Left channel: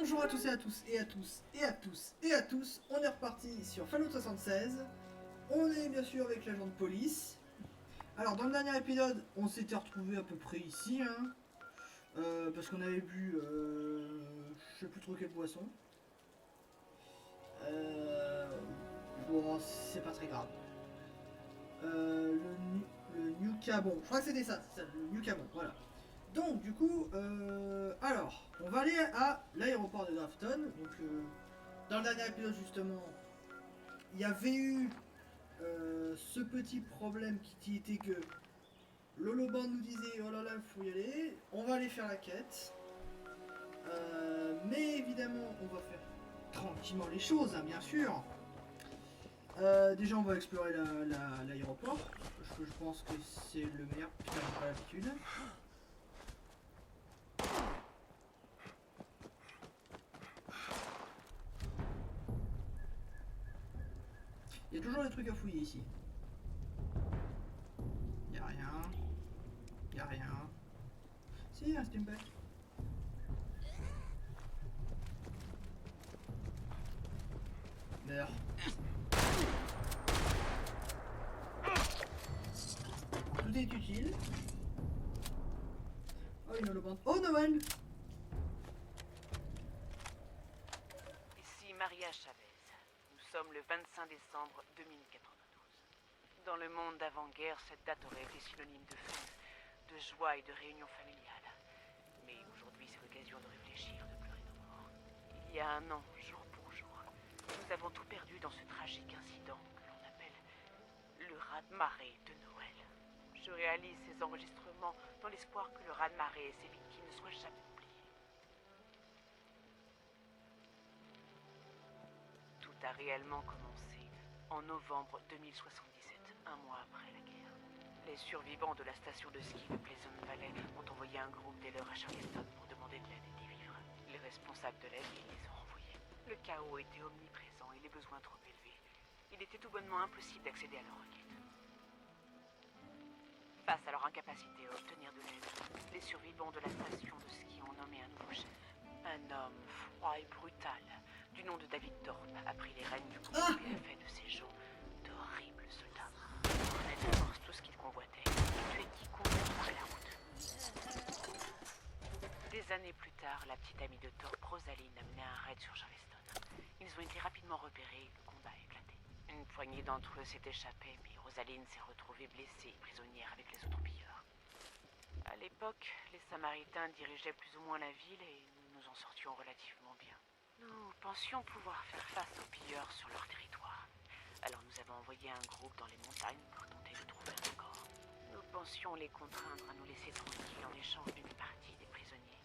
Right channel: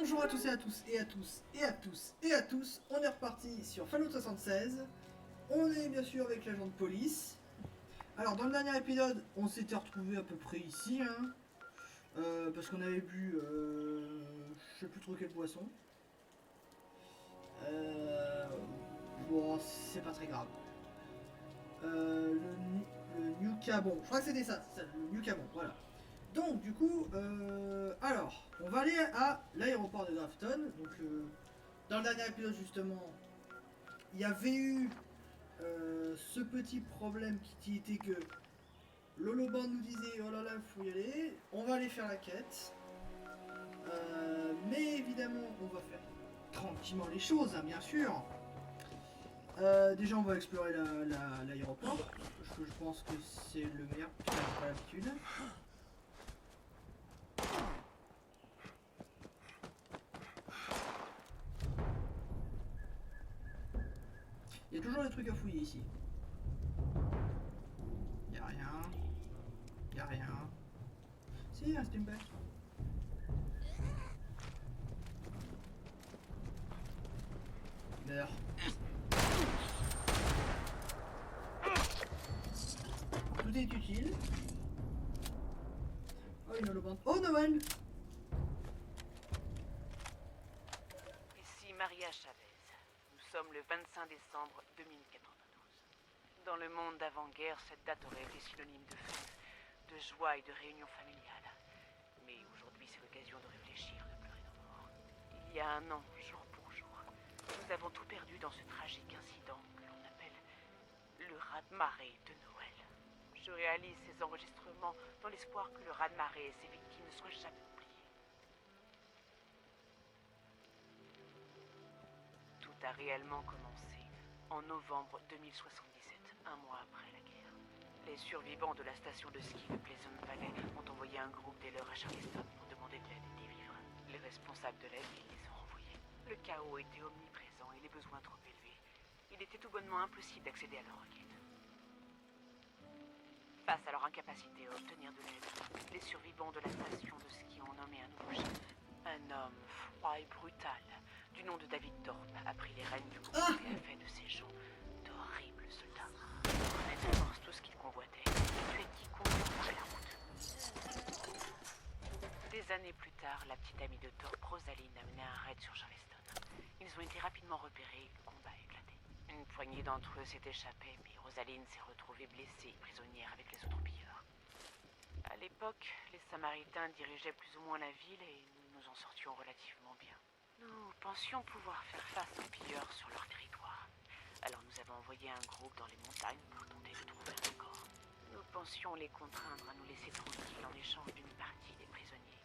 Bonjour à tous et à tous et à tous et à tous et à tous, on est reparti sur Fallout 76. On est bien sûr avec l'agent de police. Alors dans le dernier épisode, on s'était retrouvé à peu près ici, hein, parce qu'on avait bu, je sais plus trop quelle boisson. Bon, c'est pas très grave. Le New Cabon, je crois que c'était ça, le New Cabon, voilà. Donc du coup, alors, on va aller à l'aéroport de Grafton. Donc dans le dernier épisode justement, il y avait eu ce petit problème qui était que l'Holoban nous disait oh là là, il faut y aller, on va aller faire la quête. Mais évidemment, on va faire tranquillement les choses, hein, bien sûr. Déjà, on va explorer l'aéroport, parce que je pense que c'est le meilleur. Putain, j'ai pas l'habitude. Il y a toujours des trucs à fouiller ici. Y'a rien. Y'a rien. Si, un steampack. Meurs. Tout est utile. Oh, une holobande. Oh, Noël! Ici Maria Chavez. Nous sommes le 25 décembre 2092. Dans le monde d'avant-guerre, cette date aurait été synonyme de fête, de joie et de réunion familiale. Mais aujourd'hui, c'est l'occasion de réfléchir et de pleurer nos morts. Il y a un an, jour pour jour, nous avons tout perdu dans ce tragique incident que l'on appelle le raz-de-marée de Noël. Je réalise ces enregistrements dans l'espoir que le raz-de-marée et ses victimes ne soient jamais oubliées. Tout a réellement commencé en novembre 2077, un mois après la guerre. Les survivants de la station de ski de Pleasant Valley ont envoyé un groupe d'aideurs à Charleston pour demander de l'aide et des vivres. Les responsables de la ville les ont renvoyés. Le chaos était omniprésent et les besoins trop élevés. Il était tout bonnement impossible d'accéder à leur enquête. Face à leur incapacité à obtenir de l'aide, les survivants de la station de ski ont nommé un nouveau chef. Un homme froid et brutal, du nom de David Thorpe, a pris les rênes du groupe et a fait de ces gens d'horribles soldats. C'est tout ce qu'ils convoitaient, qui courent à la route. Des années plus tard, la petite amie de Thorpe, Rosaline, a mené un raid sur Charleston. Ils ont été rapidement repérés et le combat a éclaté. Une poignée d'entre eux s'est échappée, puis Rosaline s'est retrouvée blessée et prisonnière avec les autres pilleurs. À l'époque, les Samaritains dirigeaient plus ou moins la ville et nous en sortions relativement bien. Nous pensions pouvoir faire face aux pilleurs sur leur territoire. Alors nous avons envoyé un groupe dans les montagnes pour tenter de trouver un accord. Nous pensions les contraindre à nous laisser tranquilles en échange d'une partie des prisonniers.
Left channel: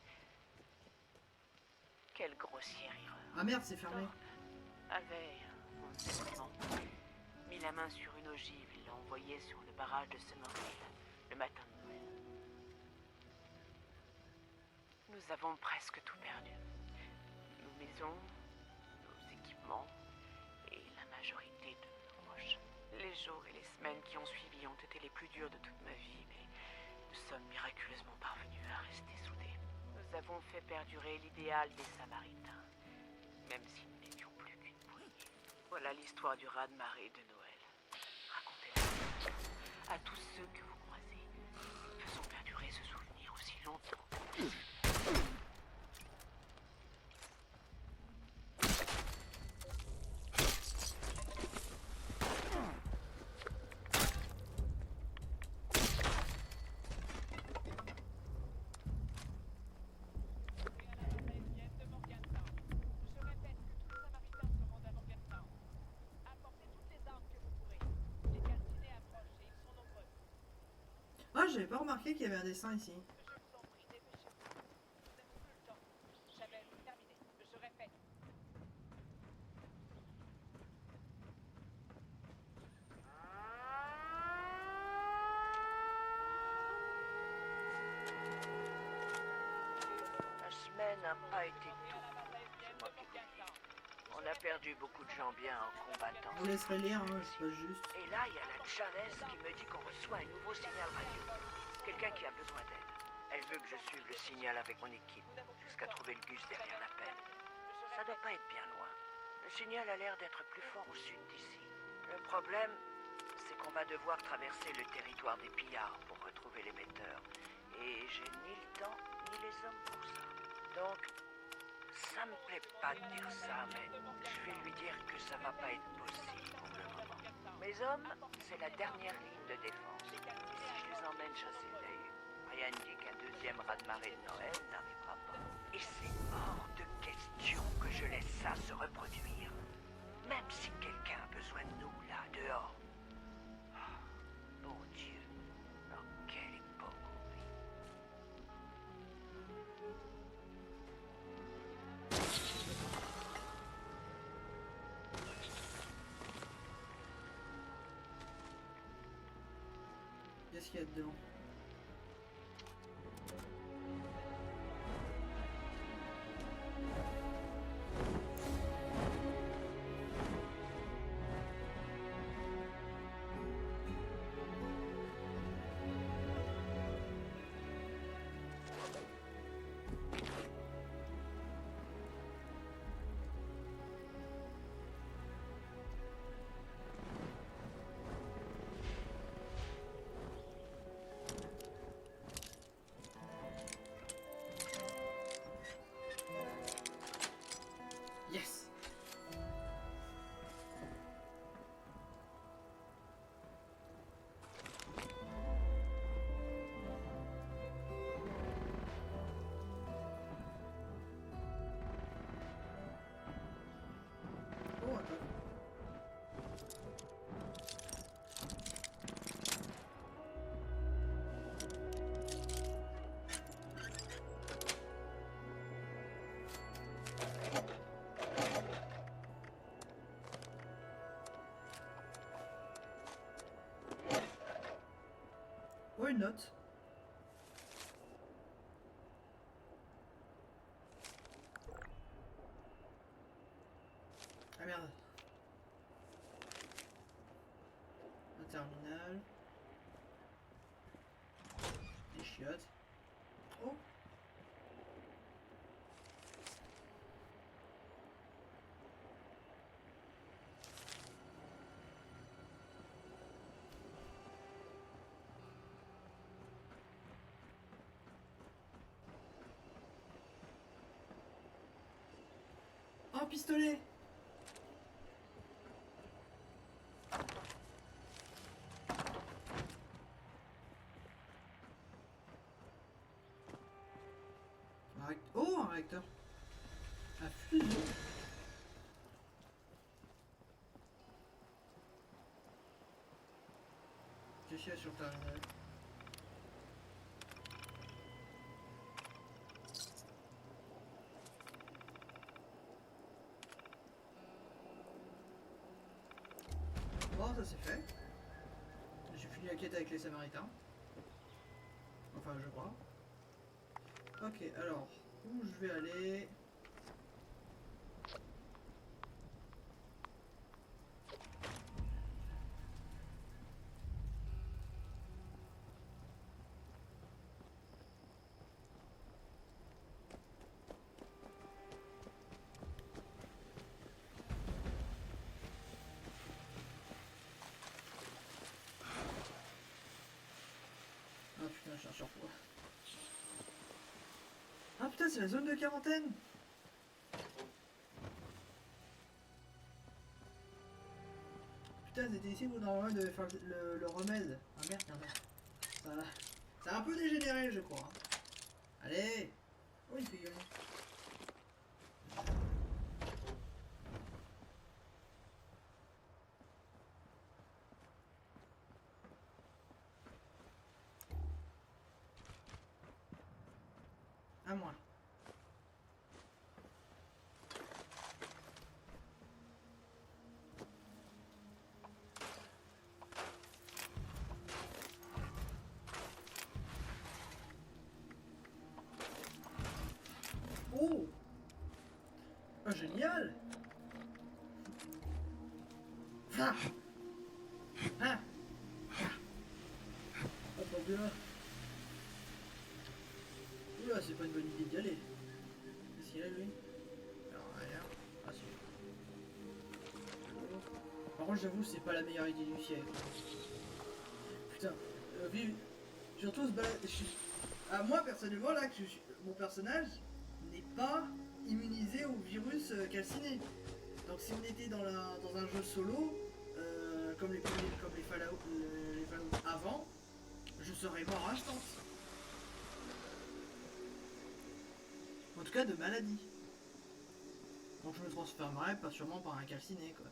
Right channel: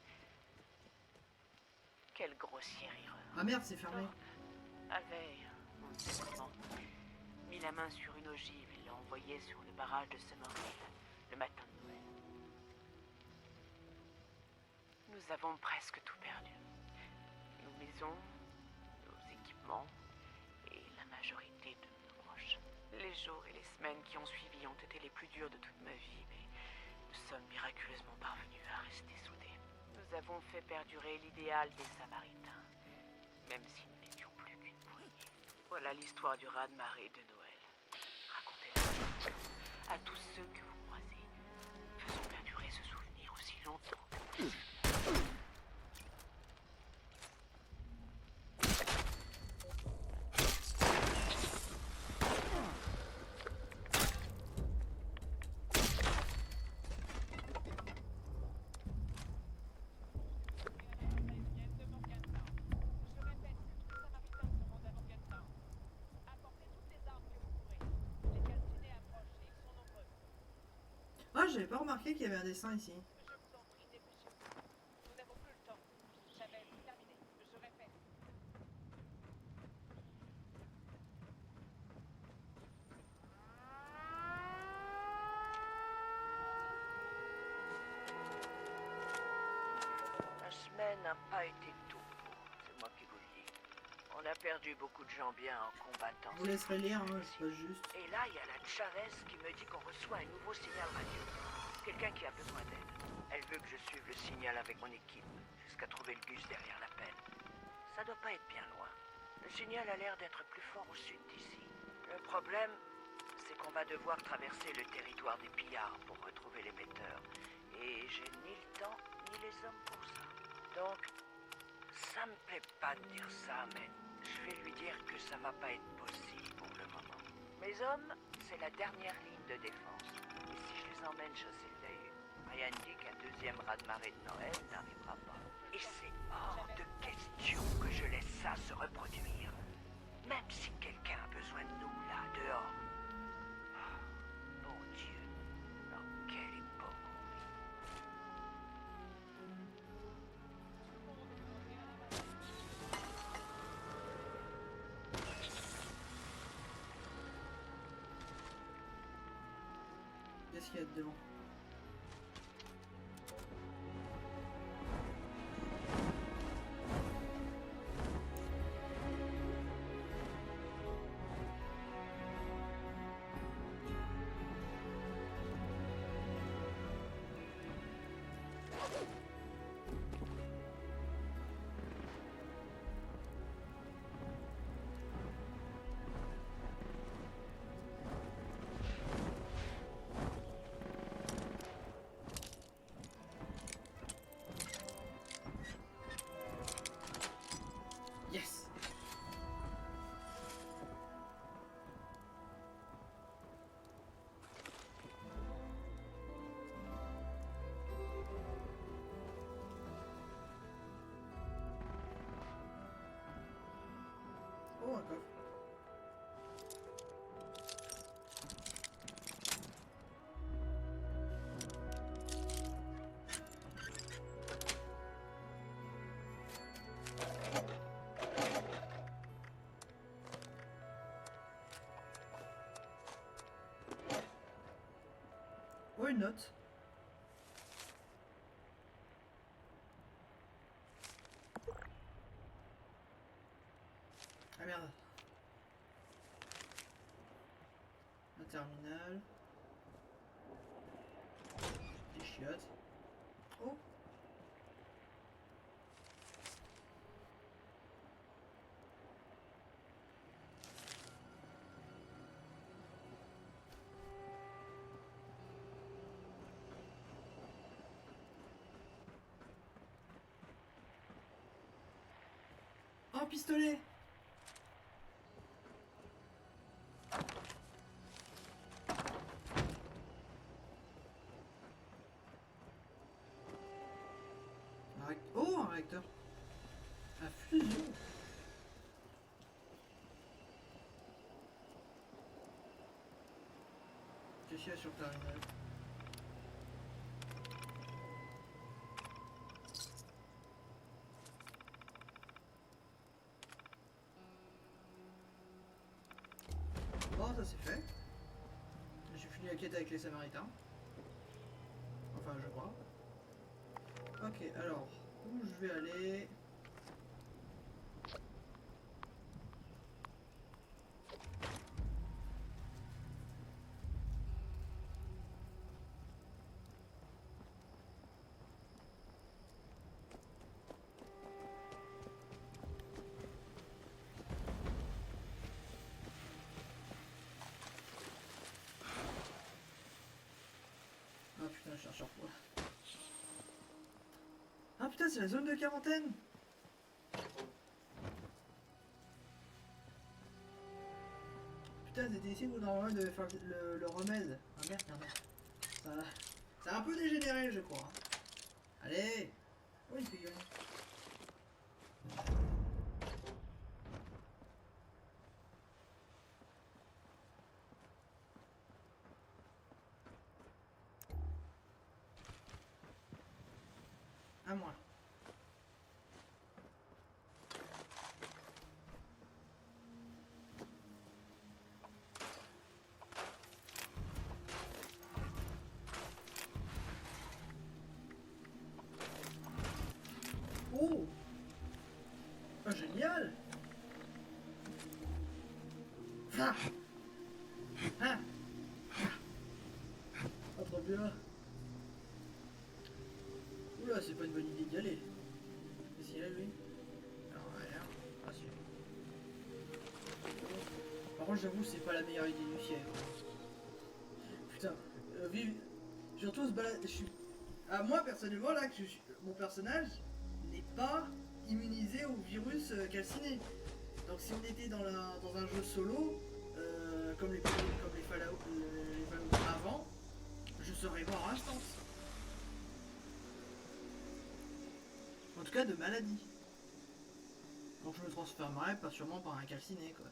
Quelle grossière erreur. Ah merde, c'est fermé. Avait mis la main sur une ogive et l'a envoyée sur le barrage de Summerville le matin de Noël. Nous avons presque tout perdu. Nos maisons, nos équipements et la majorité de nos proches. Les jours et les semaines qui ont suivi ont été les plus durs de toute ma vie, mais nous sommes miraculeusement parvenus à rester soudés. Nous avons fait perdurer l'idéal des Samaritains, même si nous n'étions plus qu'une poignée. Voilà l'histoire du raz-de-marée de Noël. Racontez-la à tous ceux que vous croisez. Faisons perdurer ce souvenir aussi longtemps que possible. Ah, j'avais pas remarqué qu'il y avait un dessin ici. La semaine n'a pas été tout. C'est moi qui vous le dis. On a perdu beaucoup de gens bien en combattant. Je vous laisserai lire, hein, je passe juste. Et là, il y a la Chavez qui me dit qu'on reçoit un nouveau signal radio. Quelqu'un qui a besoin d'aide. Elle veut que je suive le signal avec mon équipe jusqu'à trouver le bus derrière la plaine. Ça doit pas être bien loin. Le signal a l'air d'être plus fort au sud d'ici. Le problème, c'est qu'on va devoir traverser le territoire des pillards pour retrouver l'émetteur. Et j'ai ni le temps, ni les hommes pour ça. Donc, ça me plaît pas de dire ça, mais je vais lui dire que ça va pas être possible pour le moment. Mes hommes, c'est la dernière ligne de défense. Et si je les emmène chasser le Veil, rien ne dit qu'un deuxième raz-de-marée de Noël n'arrivera pas. Et c'est hors de question que je laisse ça se reproduire. Même si quelqu'un a besoin de nous, là, dehors. Ah, mon Dieu, dans quelle époque on vit. Qu'est-ce qu'il y a dedans? Yes! Oh, un coffre. Oh, une note. Ah merde. Un terminal. Des chiottes. Oh! Un pistolet! Oh, un réacteur. À fusion. Qu'est-ce qu'il y a sur le terminal? Bon, ça c'est fait. J'ai fini la quête avec les Samaritains. Enfin, je crois. Ok, alors, où je vais aller? Ah putain, je cherche sur quoi? Ah putain, c'est la zone de quarantaine! Putain, c'était ici où normalement il devait faire le remède. Ah merde, merde. Ça a un peu dégénéré, je crois. Allez! Oh, une figurine. À moi. Oh! Oh, génial! Ah! Ah! Attendez là. Oula, c'est pas une bonne idée d'y aller. Qu'est-ce qu'il a lui? Alors, rien. Par contre, j'avoue, c'est pas la meilleure idée du siècle. Putain, vive. Surtout se balader. Ah, moi, personnellement, là, mon personnage n'est pas immunisé au virus calciné. Donc, si on était dans un jeu solo, comme les Fallout, les Fallout avant, je serais mort instant. En tout cas, de maladie. Donc, je me transformerais pas sûrement par un calciné, quoi.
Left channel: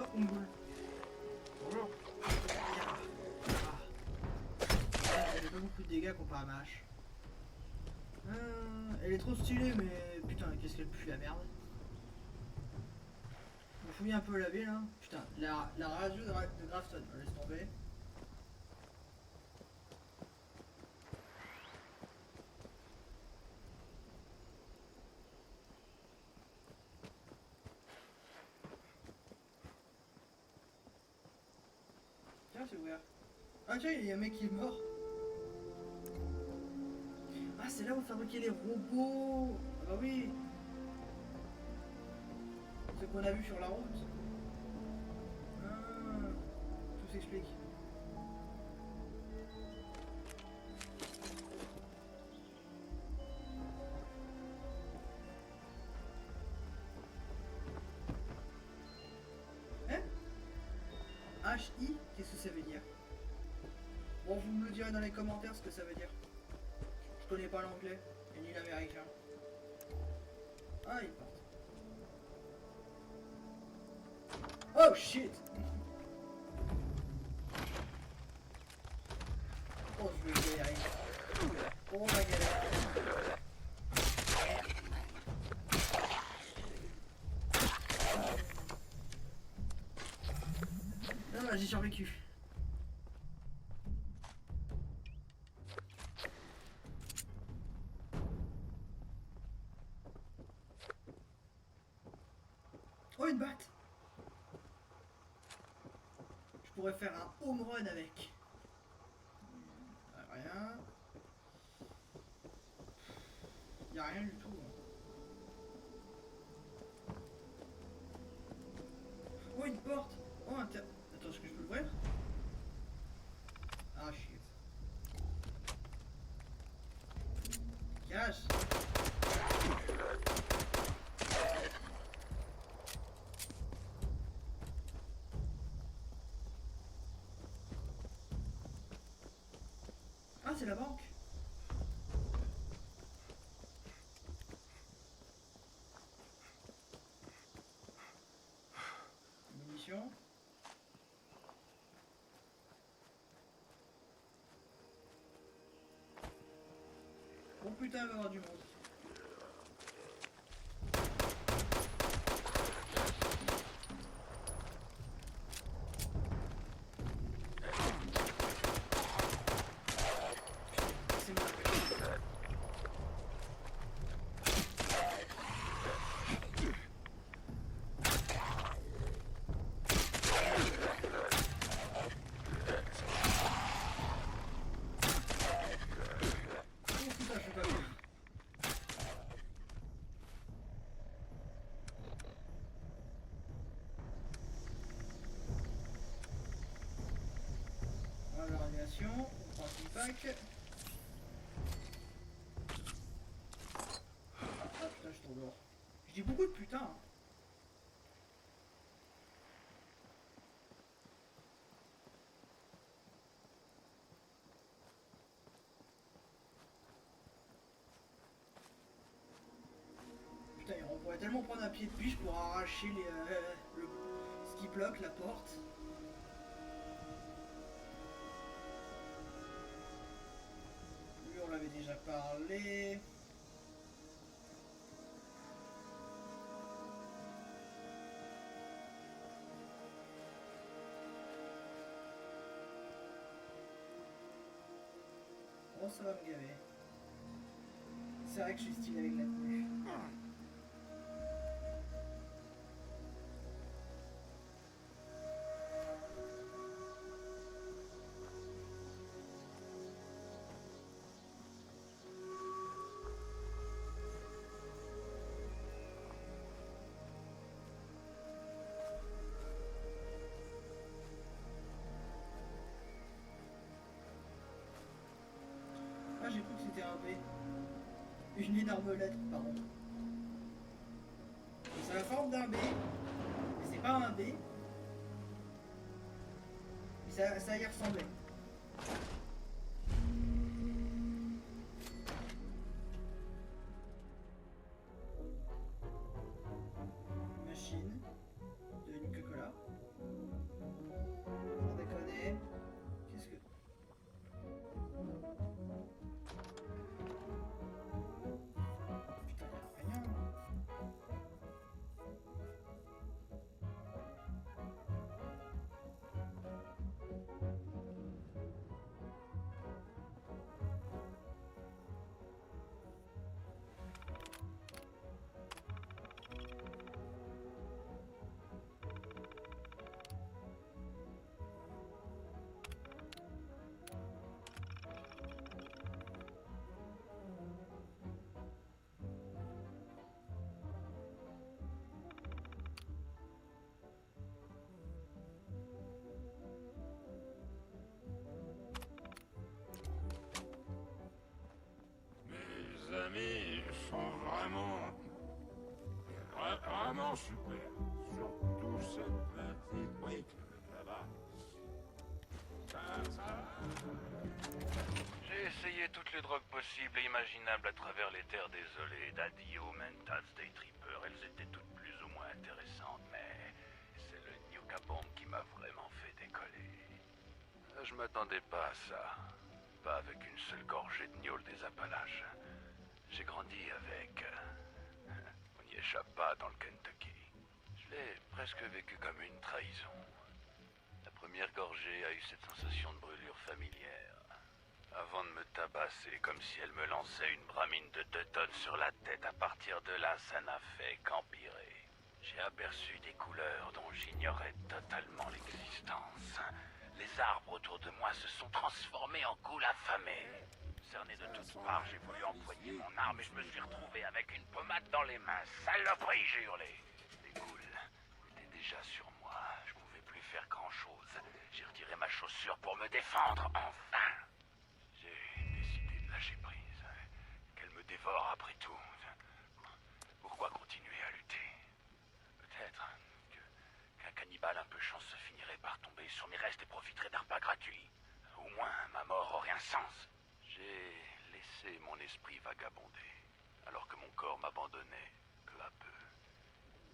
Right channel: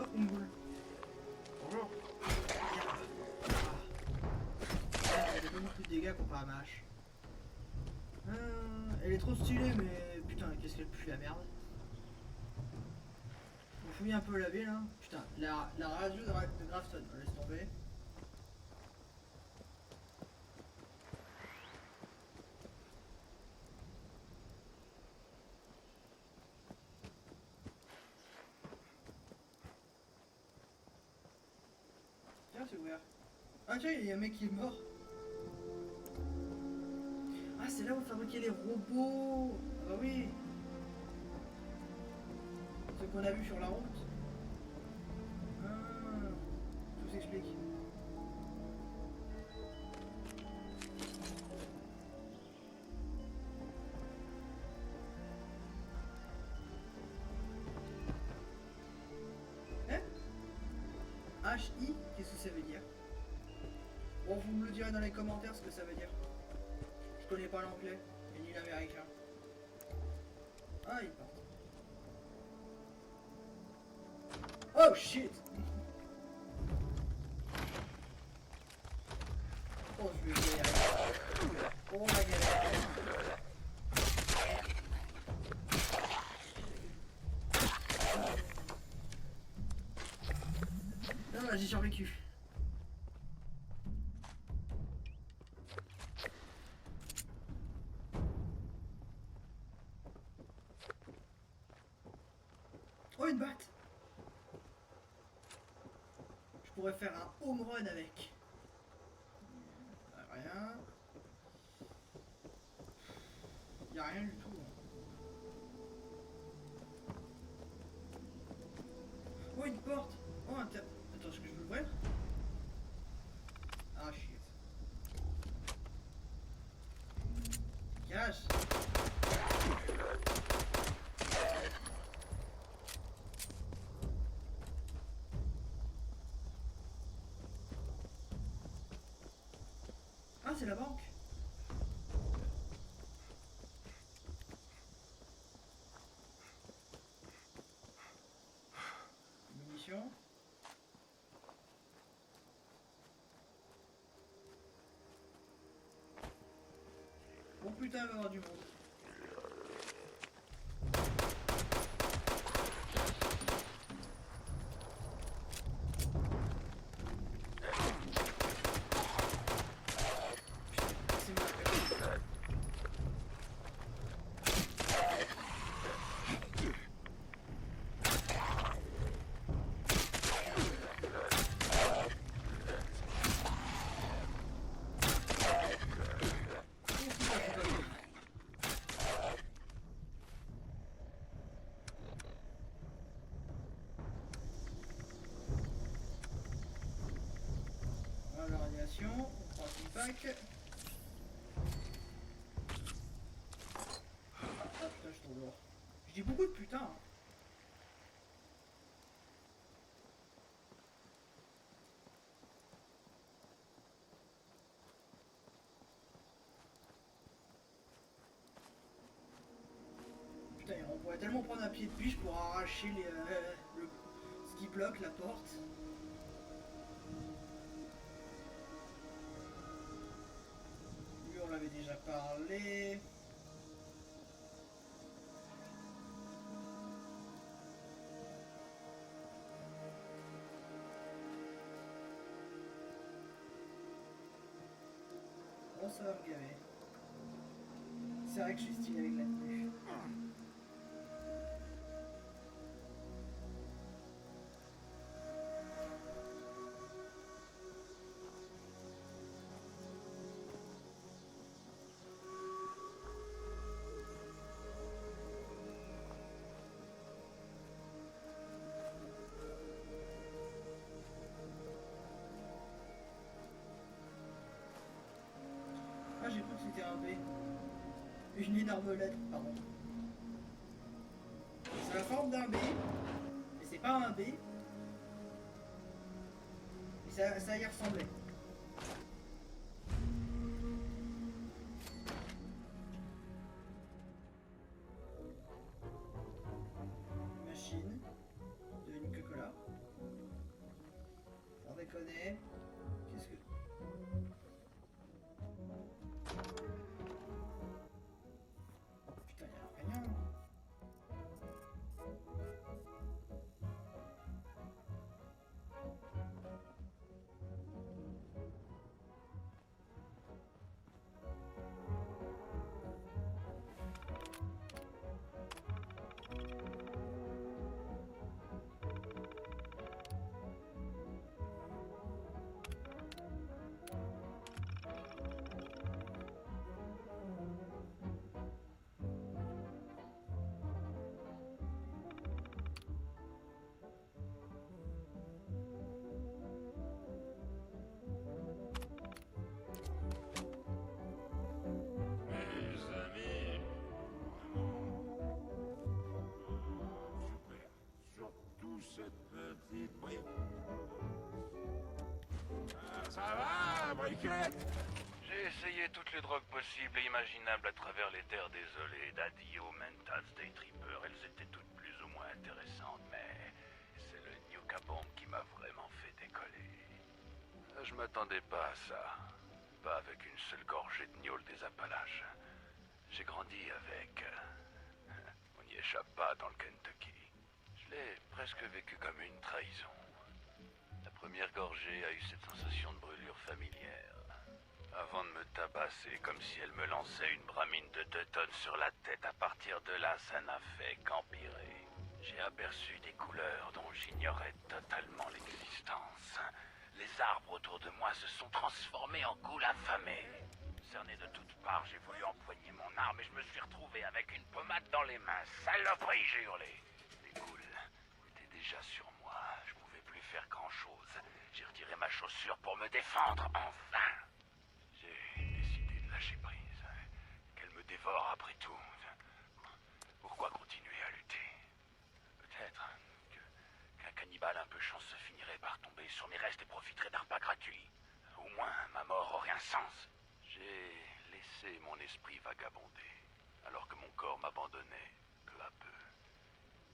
Oh, Umgul. Bonjour. Elle fait pas beaucoup de dégâts comparé à ma hache. Elle est trop stylée, mais putain, qu'est-ce qu'elle pue la merde. On fouille un peu la ville, là. Putain, la radio de Grafton, laisse tomber. Tiens, c'est ouvert. Ah tiens, il y a un mec qui est mort. Ah, c'est là où fabriquer les robots. Ah bah oui. Ce qu'on a vu sur la route. Ah, tout s'explique. Hein? HI, qu'est-ce que ça veut dire? Bon, vous me le direz dans les commentaires ce que ça veut dire. Je connais pas l'anglais et ni l'américain. Ah, ils partent. Oh shit! Oh, je vais galérer. Oh, la galère. Non, là, j'ai survécu. Oh, une batte! Je pourrais faire un home run avec. Rien. Y'a rien du tout. Hein. Oh, une porte! Oh, attends, est-ce que je peux l'ouvrir? Ah, shit. Cache! Ah, c'est la banque! Munitions. Oh putain, il va y avoir du monde. C'est mon appel. Voilà la radiation, on prend un pack. Ah putain, je suis trop lourd. Je dis beaucoup de putain. Hein. Putain, on pourrait tellement prendre un pied de biche pour arracher ce qui bloque la porte. Lui, on l'avait déjà parlé. Oh, ça va me gaver. C'est vrai que je suis stylé avec la tenue. c'était un B. Une énorme lettre, pardon. C'est la forme d'un B, mais c'est pas un B. Et ça y ressemblait. Machine de Nuka-Cola. Sans déconner. Qu'est-ce que... Putain, y'a rien. J'ai essayé toutes les drogues possibles et imaginables à travers les terres désolées d'Adio, Mentat, State Tripper. Elles étaient toutes plus ou moins intéressantes, mais c'est le Nuka Bomb qui m'a vraiment fait décoller. Je m'attendais pas à ça. Pas avec une seule gorgée de gnôle des Appalaches. J'ai grandi avec... on n'y échappe pas dans le Kentucky. Je l'ai presque vécu comme une trahison. La première gorgée a eu cette sensation de brûlure familière. Avant de me tabasser comme si elle me lançait une bramine de 2 tonnes sur la tête, à partir de là, ça n'a fait qu'empirer. J'ai aperçu des couleurs dont j'ignorais totalement l'existence. Les arbres autour de moi se sont transformés en goules affamés. Cerné de toutes parts, j'ai voulu empoigner mon arme et je me suis retrouvé avec une pommade dans les mains. Saloperie, j'ai hurlé. Les goules étaient déjà sur moi. Je pouvais plus faire grand-chose. J'ai retiré ma chaussure pour me défendre, enfin. J'ai décidé de lâcher prise. Qu'elle me dévore après tout. Pourquoi continuer à lutter? Peut-être que la cannibale un peu chanceux finirait par tomber sur mes restes et profiterait d'un repas gratuit. Au moins, ma mort aurait un sens. J'ai laissé mon esprit vagabonder, alors que mon corps m'abandonnait peu à peu.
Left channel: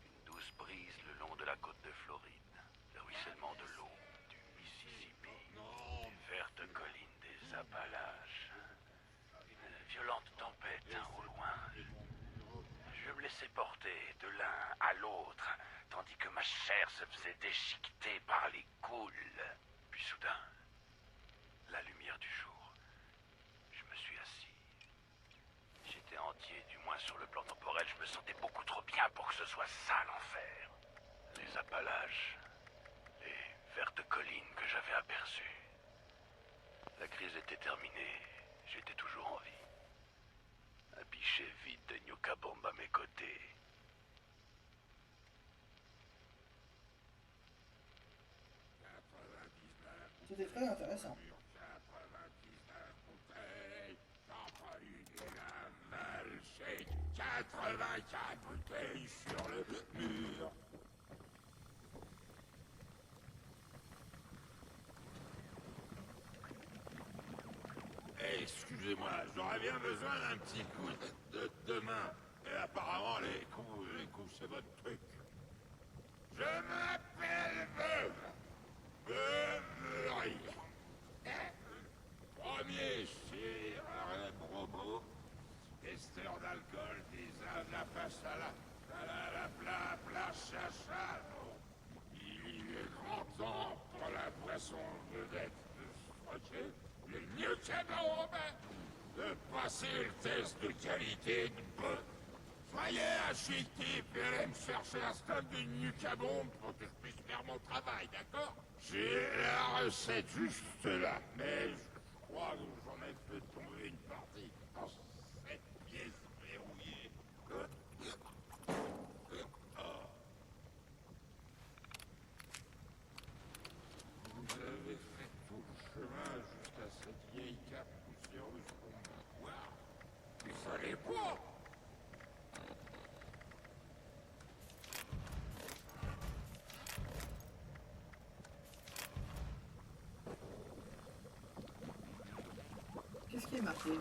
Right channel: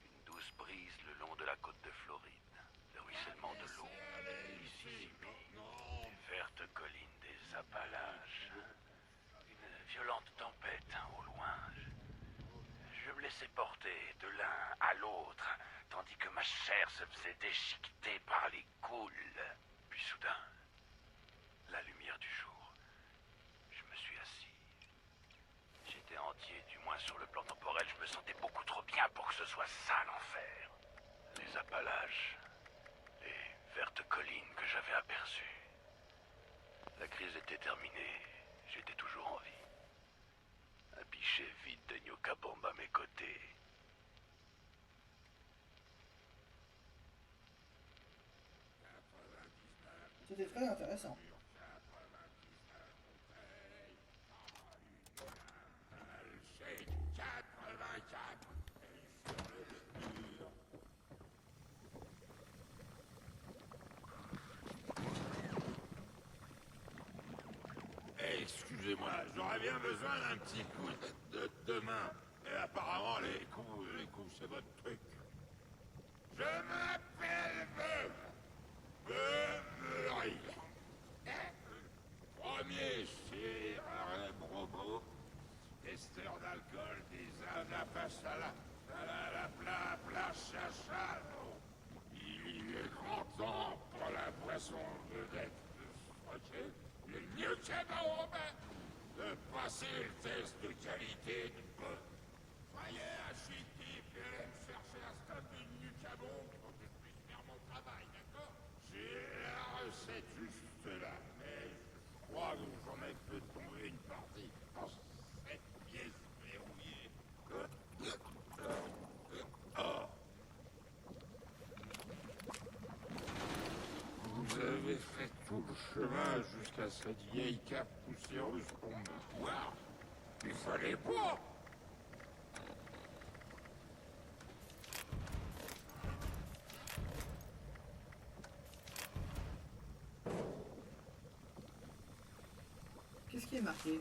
Une douce brise le long de la côte de Floride, le ruissellement de l'eau, Mississippi, une verte colline des Appalaches, une violente tempête au loin. Je me laissais porter de l'un à l'autre, tandis que ma chair se faisait déchiqueter par les goules. Puis soudain, la lumière du jour. Je me suis assis. J'étais entier, du moins sur le plan temporel. Je me sentais beaucoup trop bien pour que ce soit ça l'enfer. Les Appalaches, les vertes collines que j'avais aperçues. La crise était terminée. J'étais toujours en vie. Un pichet vide de Nuka Bomb à mes côtés. C'était très intéressant. J'ai 84 bouteilles sur le mur. Excusez-moi, j'aurais bien besoin d'un petit coup de main. Et apparemment, les coups, c'est votre truc. Je m'appelle Murray. Premier cire, promo. Testeur d'alcool, des anapas à la chacha. Il est grand temps pour la boisson de d'être le mieux cadeau de passer le test de qualité de bon. Soyez un chic type et allez me chercher un stock de Nuka Bomb pour que je puisse faire mon travail, d'accord? J'ai la recette juste là, mais je crois que j'en ai fait tomber une partie dans cette pièce verrouillée. Vous avez fait tout le chemin jusqu'à cette vieille cape poussée précieuse pour mon pouvoir. Il fallait pas. Qu'est-ce qui est marqué?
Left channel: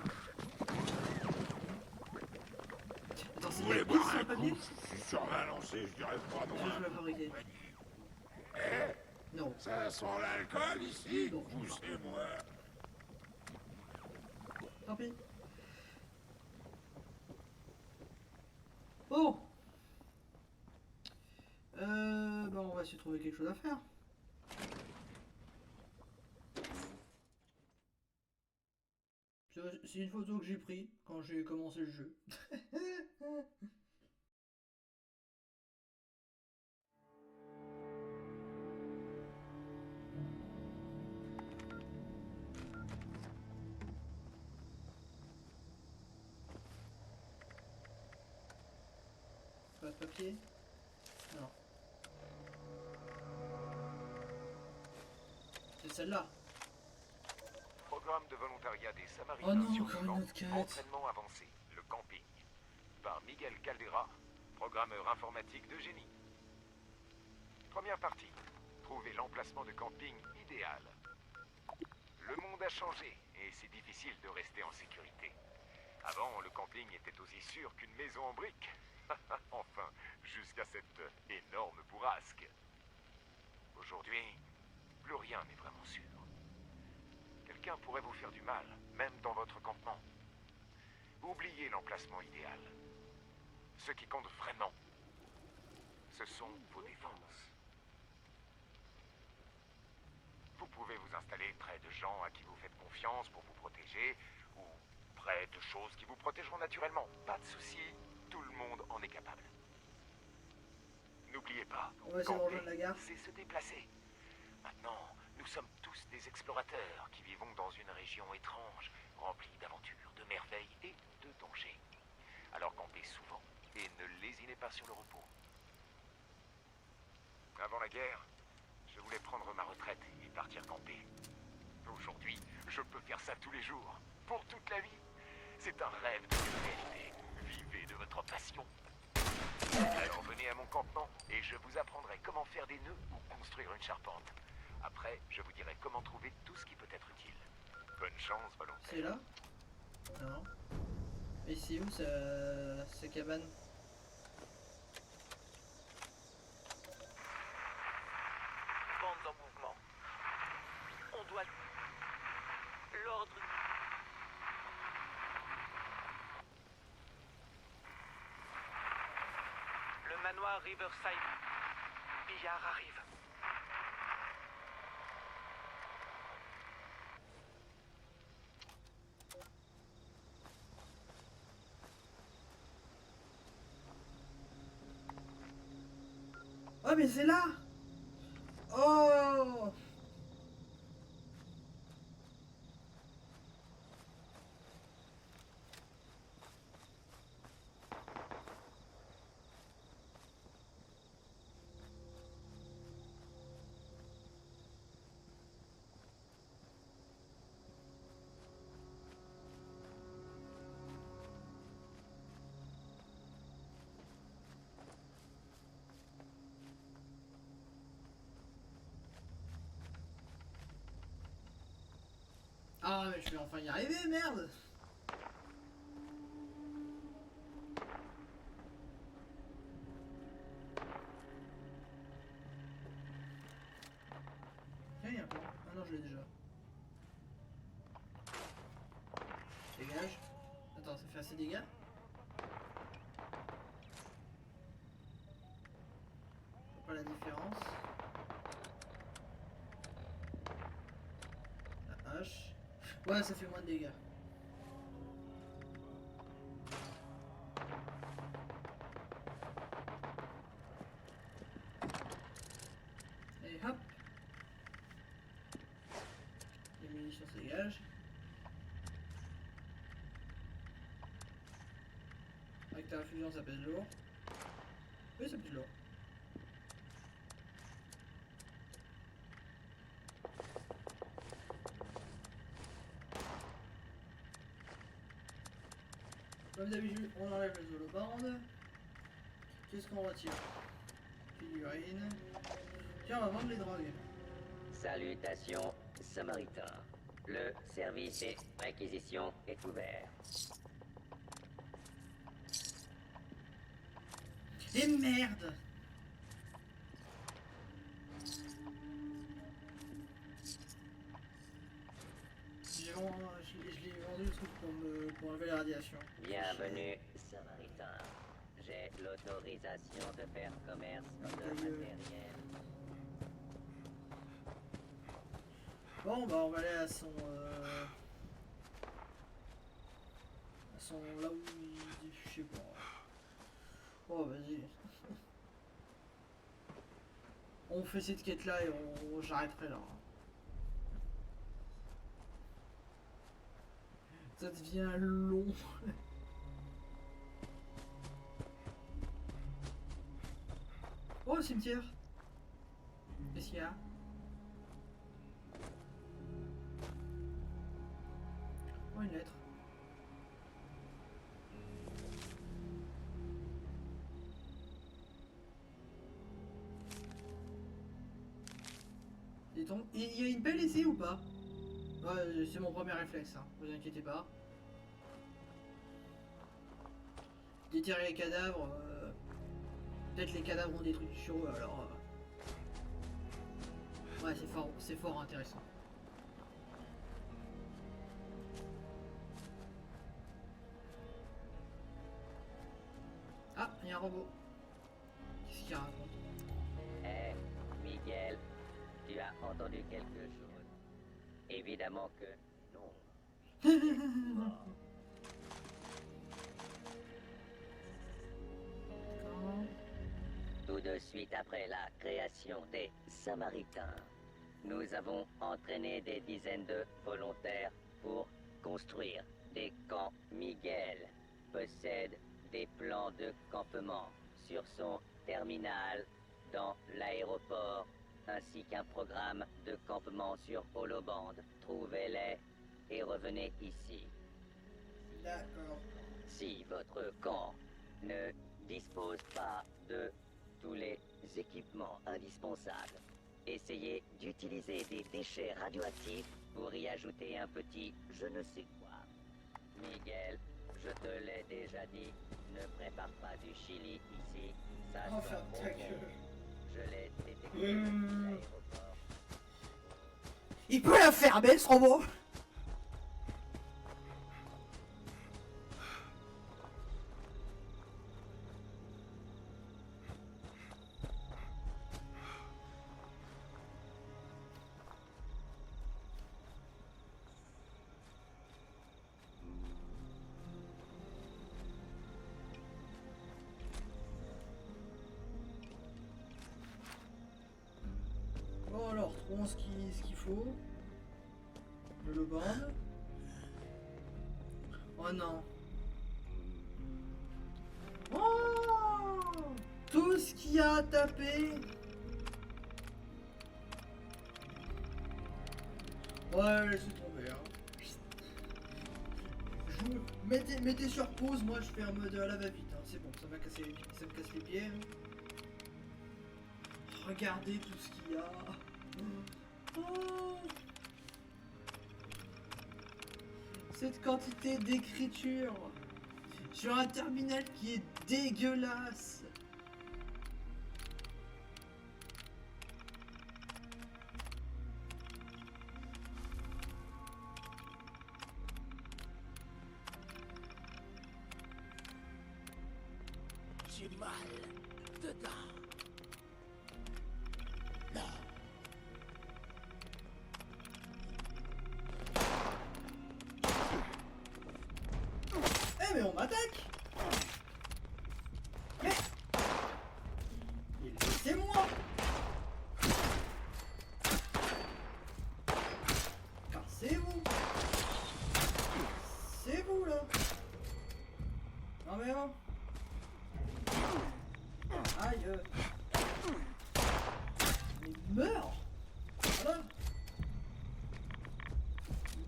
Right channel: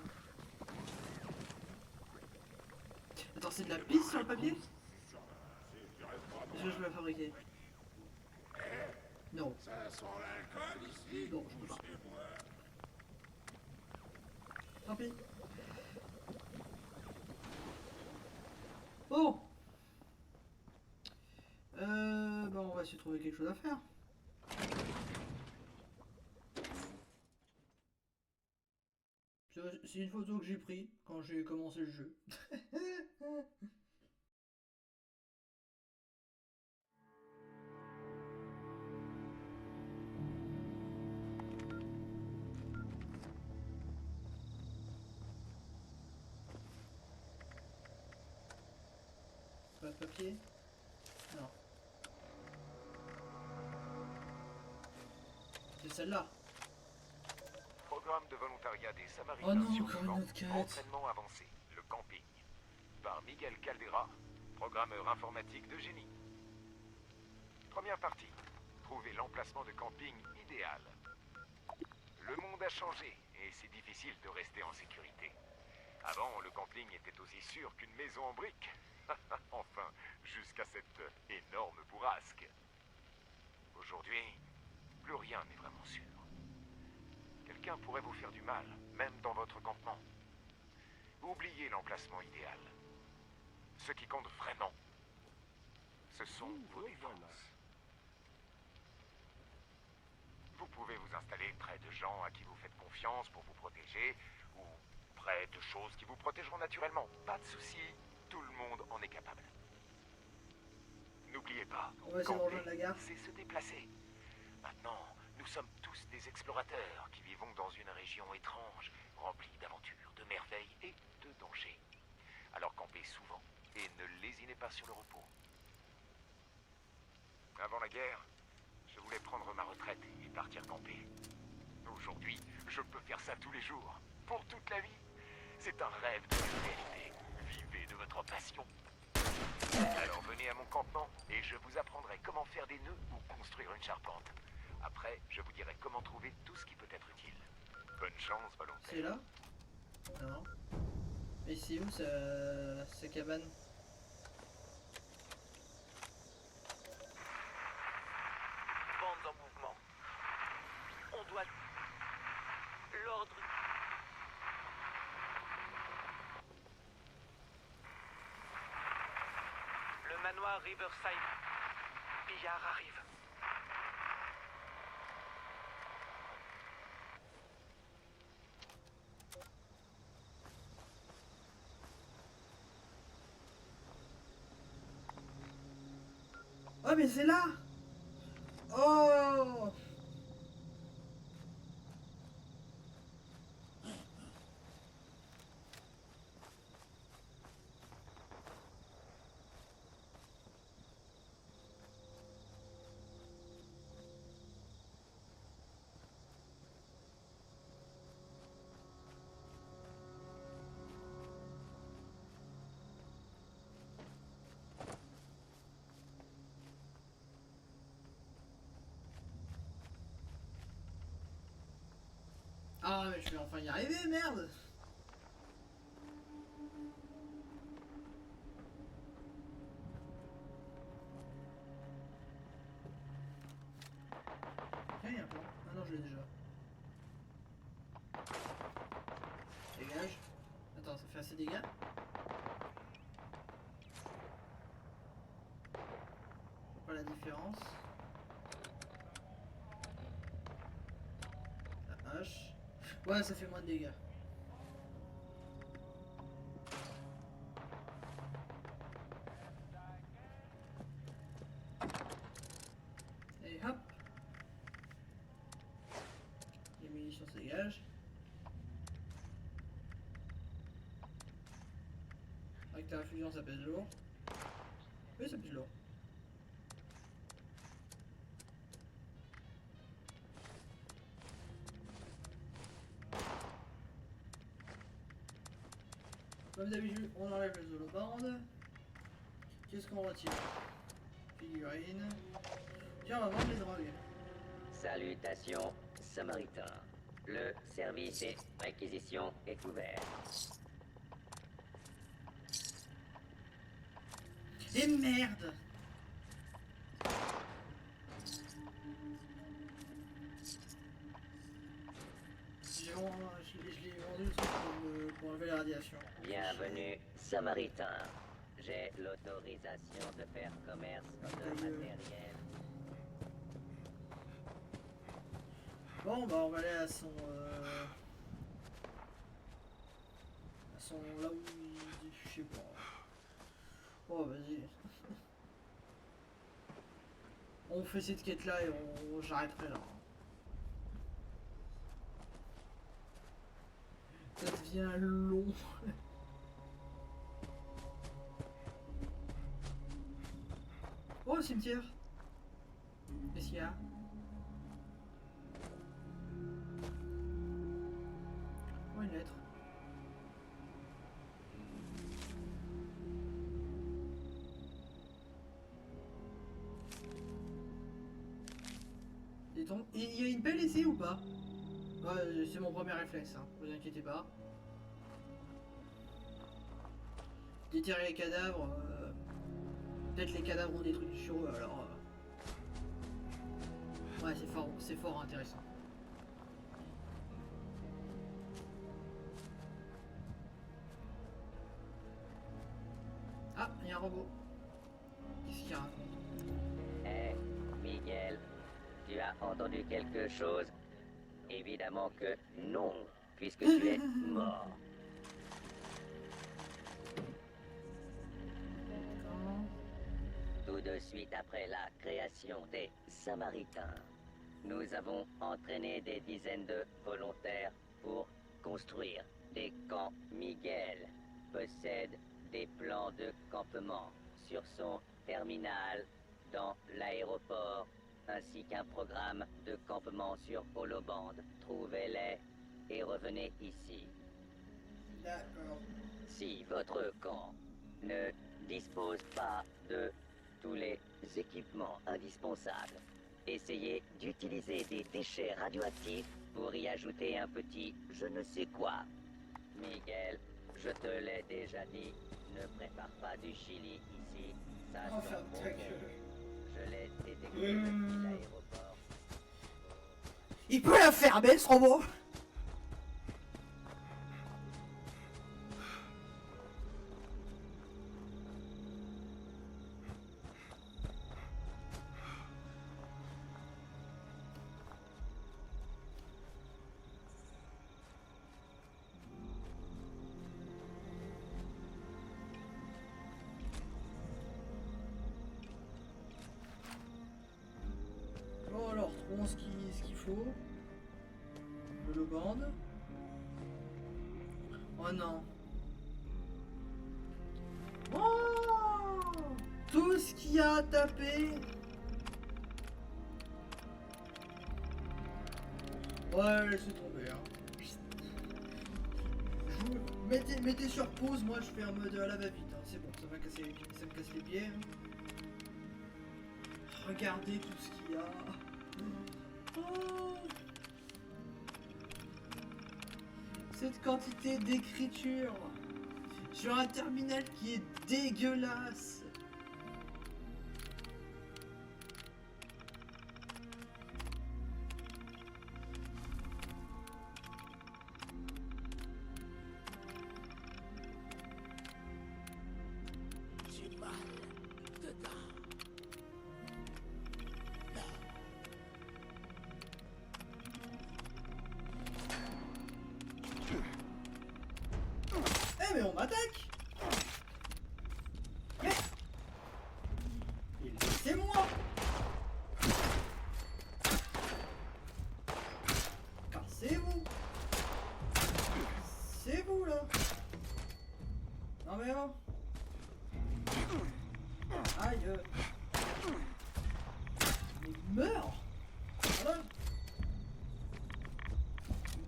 Attends, c'est de la pisse sur le papier? Je suis sur ma lancée, je dirais pas Est-ce que je peux la fabriquer? Non. Ça sent l'alcool ici. Non, je peux pas. Poussez-moi. Tant pis. Bon. Bah on va essayer de trouver quelque chose à faire. C'est une photo que j'ai prise quand j'ai commencé le jeu. Pas de papier? Non. C'est celle-là. Programme de volontariat des Samaritains. Oh non, sur encore le une camp. autre quête. Entraînement avancé, le camping. Par Miguel Caldera, programmeur informatique de génie. Première partie. Trouver l'emplacement de camping idéal. Le monde a changé et c'est difficile de rester en sécurité. Avant, le camping était aussi sûr qu'une maison en briques. Enfin, jusqu'à cette énorme bourrasque. Aujourd'hui, plus rien n'est vraiment sûr. Quelqu'un pourrait vous faire du mal, même dans votre campement. Oubliez l'emplacement idéal. Ce qui compte vraiment, ce sont vos défenses. Vous pouvez vous installer près de gens à qui vous faites confiance pour vous protéger, ou près de choses qui vous protégeront naturellement. Pas de souci, tout le monde en est capable. N'oubliez pas, On va essayer de rejoindre la gare. c'est se déplacer. Maintenant, nous sommes tous des explorateurs qui vivons dans une région étrange, remplie d'aventures, de merveilles et de dangers. Alors campez souvent et ne lésinez pas sur le repos. Avant la guerre, je voulais prendre ma retraite et partir camper. Aujourd'hui, je peux faire ça tous les jours, pour toute la vie. C'est un rêve de réalité. Vivez de votre passion. Alors venez à mon campement et je vous apprendrai comment faire des nœuds ou construire une charpente. Après, je vous dirai comment trouver tout ce qui peut être utile. Bonne chance, volontaire. C'est là? Non. Mais c'est où sa cabane? Bande en mouvement. On doit... L'ordre... Le manoir Riverside. Billard arrive. Oh mais c'est là! Oh! Ah mais je vais enfin y arriver, merde! Tiens, il y a un plan. Ah non, je l'ai déjà. Dégage. Attends, ça fait assez de dégâts? Je vois pas la différence. La hache. Ouais, ça fait moins de dégâts. Et hop. Les munitions se dégagent. Avec ta infusion, ça pèse lourd. Oui, ça pèse lourd. Comme d'habitude, on enlève les holobandes. Qu'est-ce qu'on retire? Figurine. Tiens, on va vendre les drogues. Salutations, Samaritain. Le service et réquisition est couvert. Et merde! Je l'ai vendu le truc pour enlever la radiation. Bienvenue, Samaritain. J'ai l'autorisation de faire commerce Ta de gueule. matériel. Bon, bah on va aller à son là où il dit, je sais pas. Oh, vas-y. On fait cette quête là et j'arrêterai là. Ça devient long. Oh, cimetière. Qu'est-ce qu'il y a? Oh, une lettre. Il y a une pelle ici ou pas? Ouais, c'est mon premier réflexe, hein. Vous inquiétez pas. Déterrer les cadavres. Peut-être les cadavres ont des trucs sur eux, alors. Ouais, c'est fort intéressant. Ah, il y a un robot. Qu'est-ce qu'il raconte? Hé, Miguel, tu as entendu quelque chose? Évidemment que non, puisque tu es mort. Quand? Tout de suite après la création des Samaritains, nous avons entraîné des dizaines de volontaires pour construire des camps. Miguel possède des plans de campement sur son terminal dans l'aéroport, ainsi qu'un programme de campement sur holobande. Trouvez-les et revenez ici. D'accord. Si votre camp ne dispose pas de tous les équipements indispensables, essayez d'utiliser des déchets radioactifs pour y ajouter un petit je ne sais quoi. Miguel, je te l'ai déjà dit, ne prépare pas du chili ici. Ça, Oh, c'est ferme ta pour gueule. moi. Je l'ai détecté. Il peut la fermer, ce robot! Bon alors, trouvons ce qu'il faut. Le lobande. Oh non. Oh, tout ce qu'il y a à taper. Ouais, laissez tomber. Hein. Mettez sur pause, moi je fais un mode à la va-vite. Hein. C'est bon, ça me casse les pieds. Hein. Regardez tout ce qu'il y a. Oh. Cette quantité d'écriture sur un terminal qui est dégueulasse. J'ai mal dedans. Eh mais on m'attaque. Mais laissez-moi. Cassez-vous. C'est vous là. Non mais oh. Aïe. Mais meurs. Voilà.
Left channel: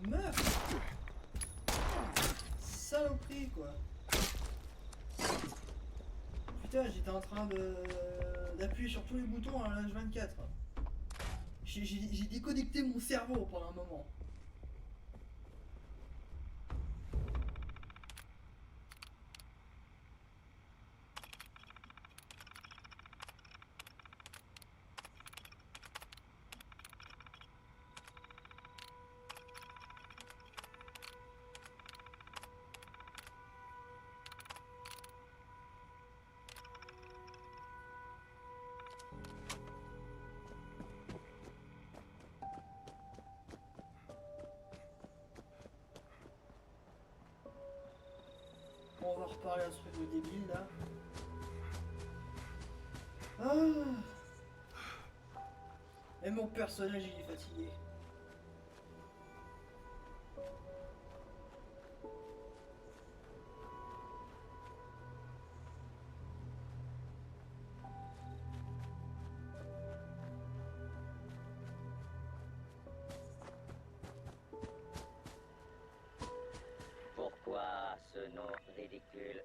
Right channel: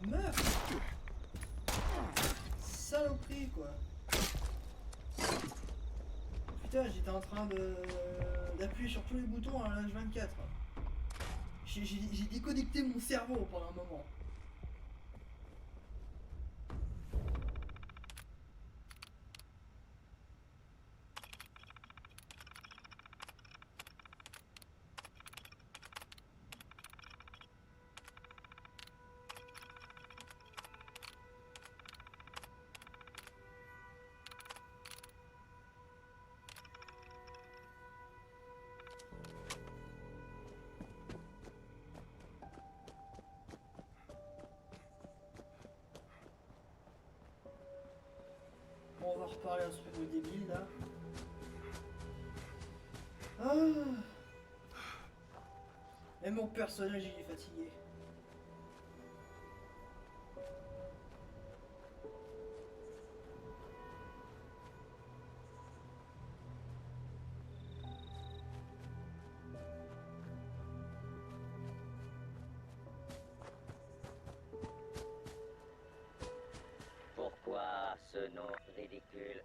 Meurs. Saloperie quoi. j'étais en train d'appuyer sur tous les boutons à l'âge 24. J'ai déconnecté mon cerveau pendant un moment. Bon, on va reparler à ce robot débile là. Ah. Et mon personnage il est fatigué. Pourquoi ce nom ridicule?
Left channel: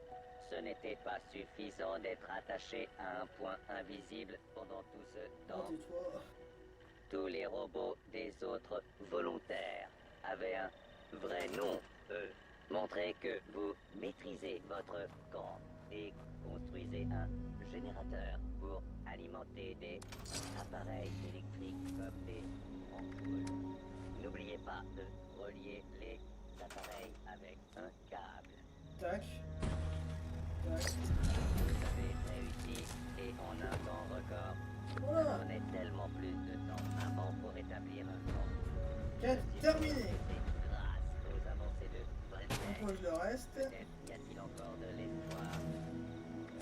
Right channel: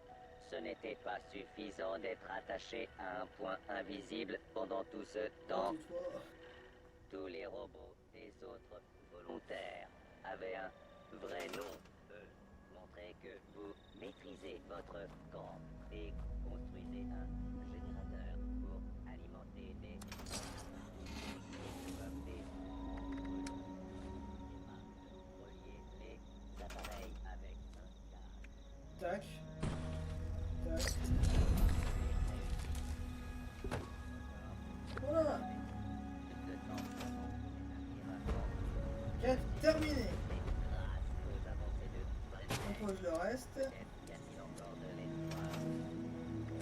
Ce n'était pas suffisant d'être attaché à un point invisible pendant tout ce temps. Tais-toi. Tous les robots des autres volontaires avaient un vrai nom, eux. Montrez que vous maîtrisez votre camp et construisez un générateur pour alimenter des appareils électriques comme des ampoules. N'oubliez pas de relier les appareils avec un câble. Tac. Tac. Vous avez réussi et en un temps record. Voilà. Prenez tellement plus de temps avant pour établir un camp. 4 terminé. Grâce aux avancées de On pose le reste. y a-t-il encore de l'espoir?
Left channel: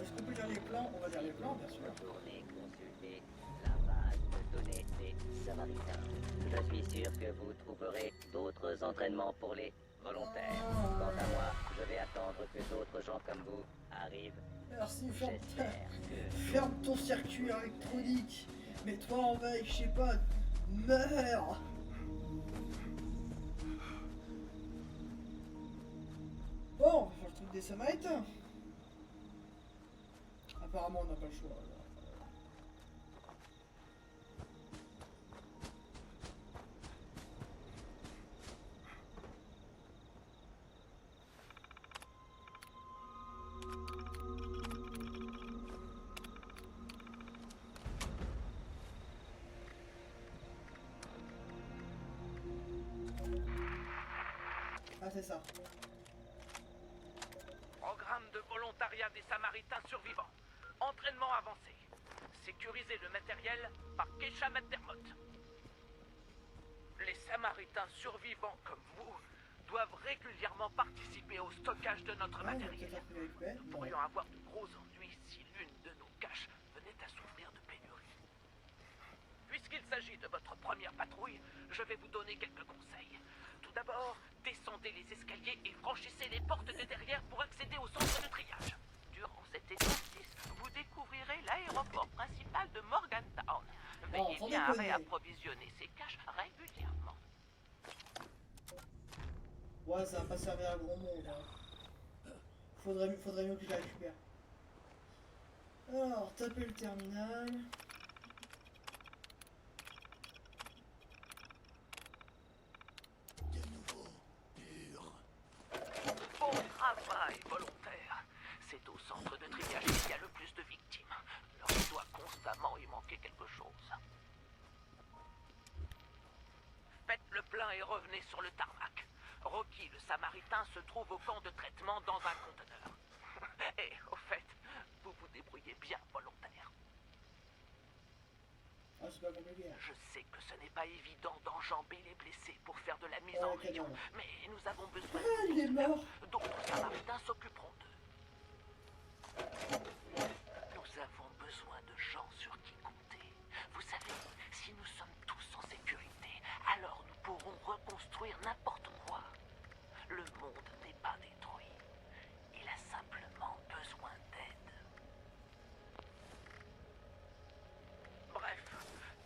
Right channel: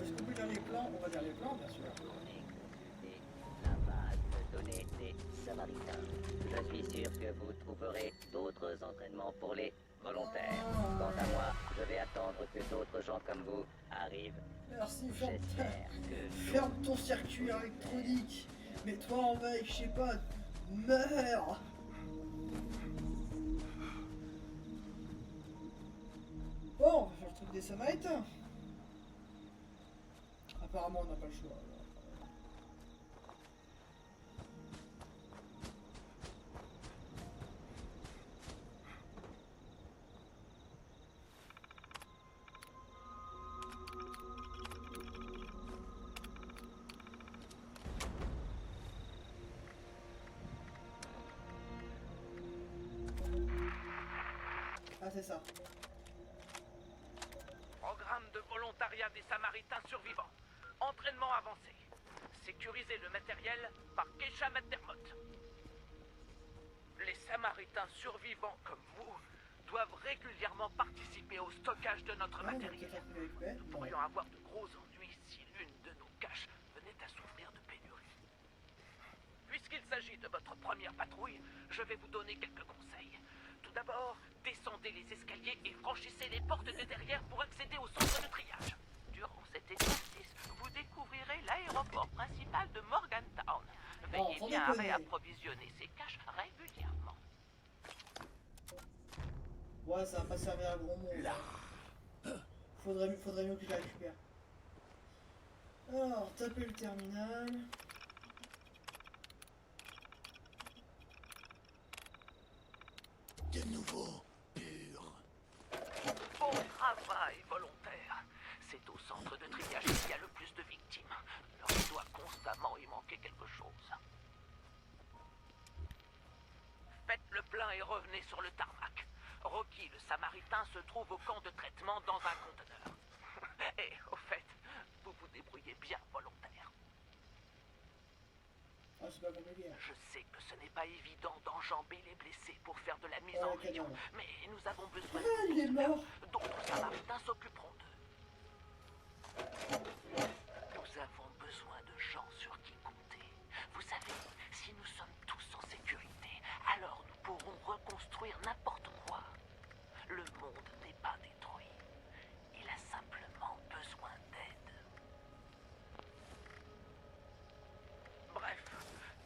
Est-ce qu'on peut lire les plans? On va lire les plans bien sûr. Retournez consulter la base de données et Samaritain. Je suis sûr que vous trouverez d'autres entraînements pour les volontaires. Quant à moi, je vais attendre que d'autres gens comme vous arrivent. Merci, ferme ton circuit électronique. Mets-toi en veille, je sais pas. Meurs. Bon, on va faire le truc des Samaritains. Apparemment, on n'a pas le choix. Alors. Ah, c'est ça. Programme de volontariat des Samaritains survivants. Entraînement avancé. Sécuriser le matériel par Keisha McDermott. Les Samaritains survivants comme vous doivent régulièrement participer au stockage de notre Ah, on va matériel. peut-être appeler avec Ben. Nous Non. pourrions avoir de gros ennuis si l'une de nos caches venait à souffrir de pénurie. Puisqu'il s'agit de votre première patrouille, je vais vous donner quelques conseils. Tout d'abord, descendez les escaliers et franchissez les portes de derrière pour accéder au centre de triage. Durant cet exercice, vous découvrirez l'aéroport principal de Morgantown. Non, Veillez sans bien à déconner. réapprovisionner ces caches régulièrement. Ouais, ça va pas servir à grand monde. Hein. Faudrait mieux que je la récupère. Alors, taper le terminal. De nouveau, pur. Bon travail, volontaire. C'est au centre de triage qu'il y a le plus de victimes. Il doit constamment y manquer quelque chose. Faites le plein et revenez sur le tarmac. Rocky, le Samaritain, se trouve au camp de traitement dans un conteneur. Et au fait, vous vous débrouillez bien, volontaire. Ah, c'est pas compliqué. Je sais que ce n'est pas évident d'enjamber les blessés pour faire de la mise Oh, en le vision, cadavre. mais nous avons besoin Ah, il est mort. d'autres Samaritains s'occuperont d'eux. Nous avons besoin de gens sur qui compter. Vous savez, si nous sommes tous en sécurité, alors nous pourrons reconstruire n'importe quoi. Le monde n'est pas détruit. Il a simplement besoin d'aide. Bref,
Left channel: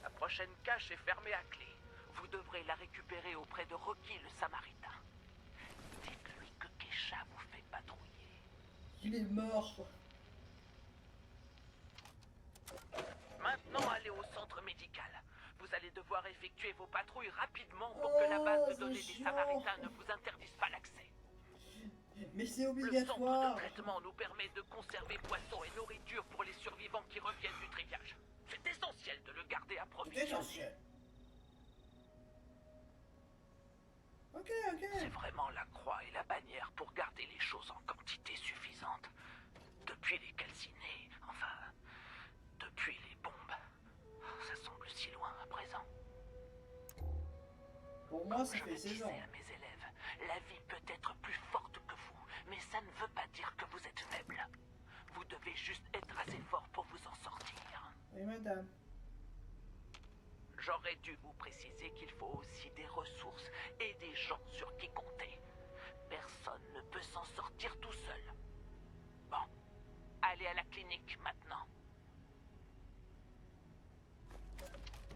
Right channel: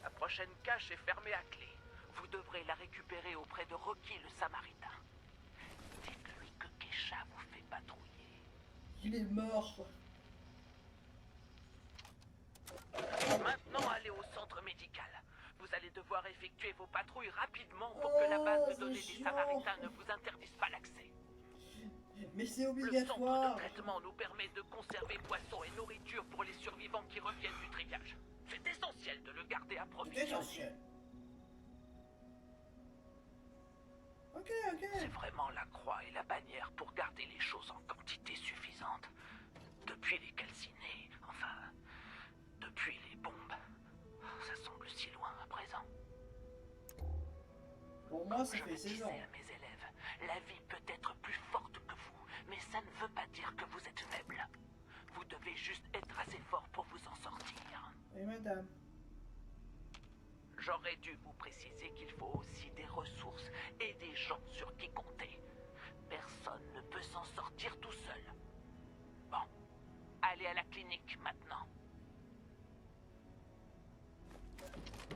la prochaine cache est fermée à clé. Vous devrez la récupérer auprès de Rocky le Samaritain. Dites-lui que Keisha vous fait patrouiller. Il est mort. Maintenant, allez au centre médical. Vous allez devoir effectuer vos patrouilles rapidement pour que la base de c'est données des chiant. Samaritains ne vous interdise pas l'accès. Mais c'est Le obligatoire. centre de traitement nous permet de conserver poissons et nourriture pour les survivants qui reviennent du triage. C'est essentiel de le garder C'est approvisionné. essentiel. Ok, ok. C'est vraiment la croix et la bannière pour garder les choses en quantité suffisante. Depuis les calcinés, enfin, depuis les bombes, ça semble si loin à présent. Pour moi, ça fait Je 16 disais ans. à mes élèves, la vie peut être plus forte que vous, mais ça ne veut pas dire que vous êtes faible. Vous devez juste être assez fort pour vous en sortir. Oui, madame. J'aurais dû vous préciser qu'il faut aussi des ressources et des gens sur qui compter. Personne ne peut s'en sortir tout seul. Bon, allez à la clinique maintenant.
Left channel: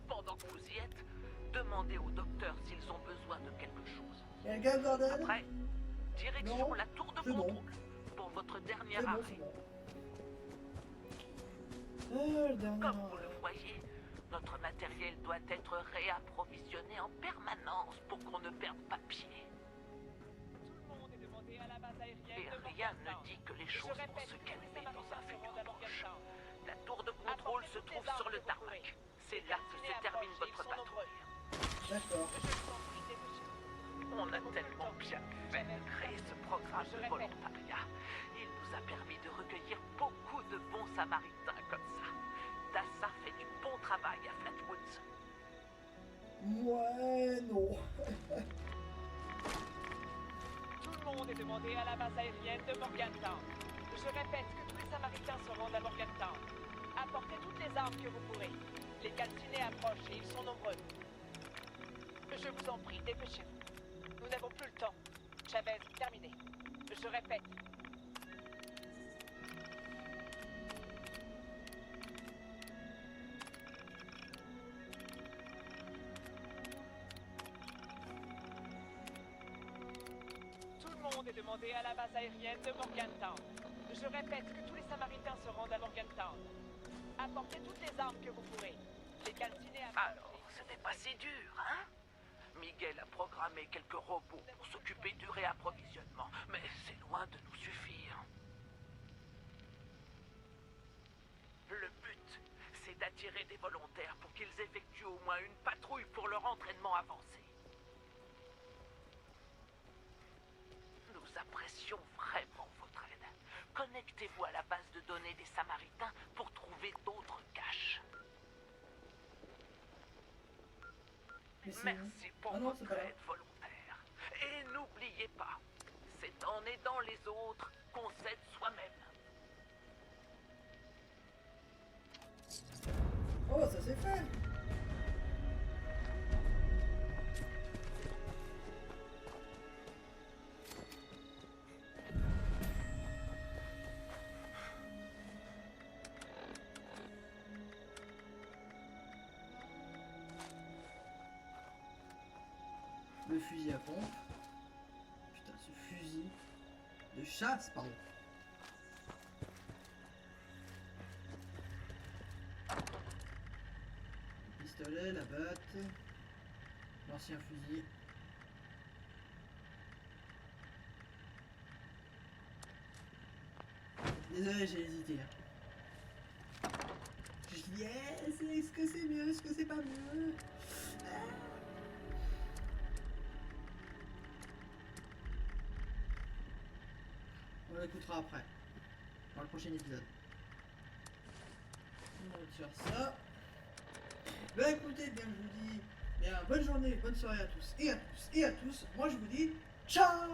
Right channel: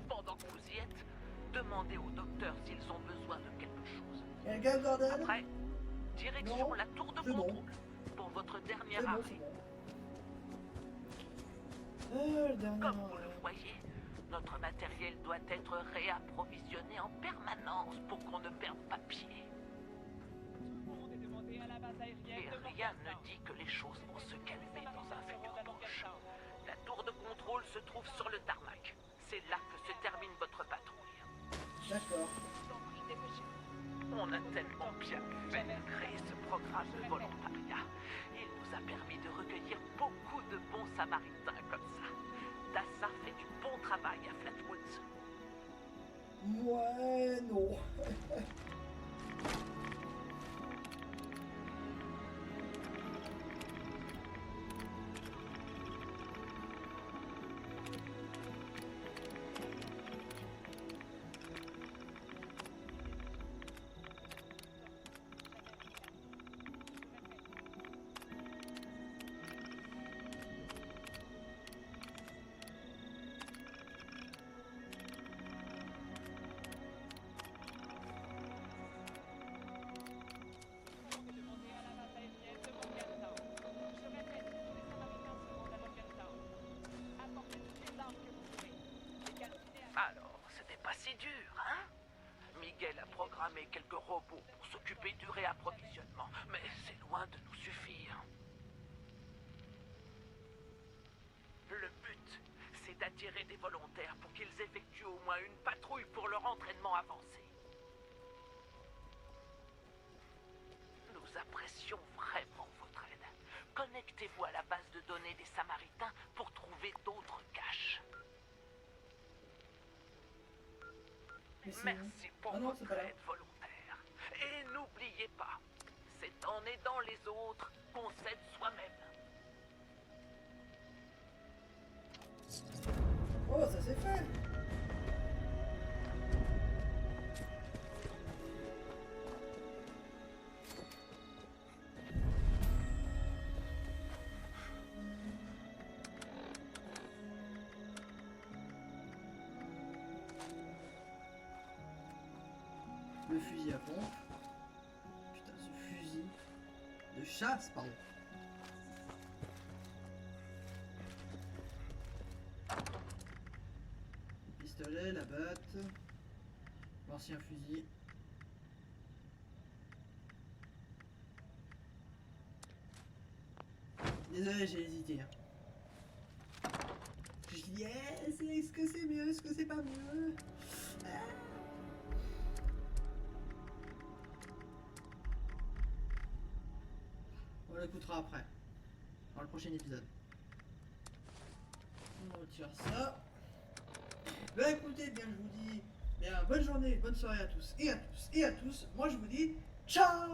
Pendant que vous y êtes, demandez aux docteurs s'ils ont besoin de quelque chose. Quelqu'un, Gordon? Après, direction Non, la tour de c'est bon. contrôle pour votre dernière C'est bon, arrêt. c'est bon. Le dernier Comme vous le arrêt. voyez, notre matériel doit être réapprovisionné en permanence pour qu'on ne perde pas pied. Et rien ne dit que les choses vont se calmer dans un futur proche. La tour de contrôle se trouve sur le tarmac. C'est là que se termine votre patrouille. D'accord. On a tellement bien fait créer ce programme de volontariat. Il nous a permis de recueillir beaucoup de bons samaritains comme ça. Dassa fait du bon travail à Flatwoods. Ouais, non. Tout le monde est demandé à la base aérienne de Morgantown. Je répète que tous les Samaritains se rendent à Morgantown. Apportez toutes les armes que vous pourrez. Les calcinés approchent et ils sont nombreux. Je vous en prie, dépêchez-vous. Nous n'avons plus le temps. Chavez, terminé. Je répète. Tout le monde est demandé à la base aérienne de Morgantown. Je répète que tous les Samaritains se rendent à Morgantown. Apportez toutes les armes que vous pourrez. Les calcinés Alors, ce n'est pas si dur, hein? Miguel a programmé quelques robots pour s'occuper du réapprovisionnement, mais c'est loin de nous suffire. Le but, c'est d'attirer des volontaires pour qu'ils effectuent au moins une patrouille pour leur entraînement avancé. Nous apprécions vraiment votre aide. Connectez-vous à la base de données des Samaritains pour trouver d'autres caches. Mais c'est où? Merci pour Ah non, c'est votre pas là. aide volontaire. Et n'oubliez pas, c'est en aidant les autres qu'on s'aide soi-même. Oh, ça c'est fait. Le fusil à pompe. Putain, ce fusil de chasse, pardon. Le pistolet, la batte, l'ancien fusil. Désolé, j'ai hésité. Hein. Je dis, est-ce que c'est mieux, est-ce que c'est pas mieux? Ah. On l'écoutera après, dans le prochain épisode. On retire ça. Bah écoutez, bien je vous dis, bien bonne journée, bonne soirée à tous et à tous et à tous. Moi je vous dis, ciao!